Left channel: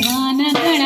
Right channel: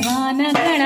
ಭಗವಾನ ಗಣ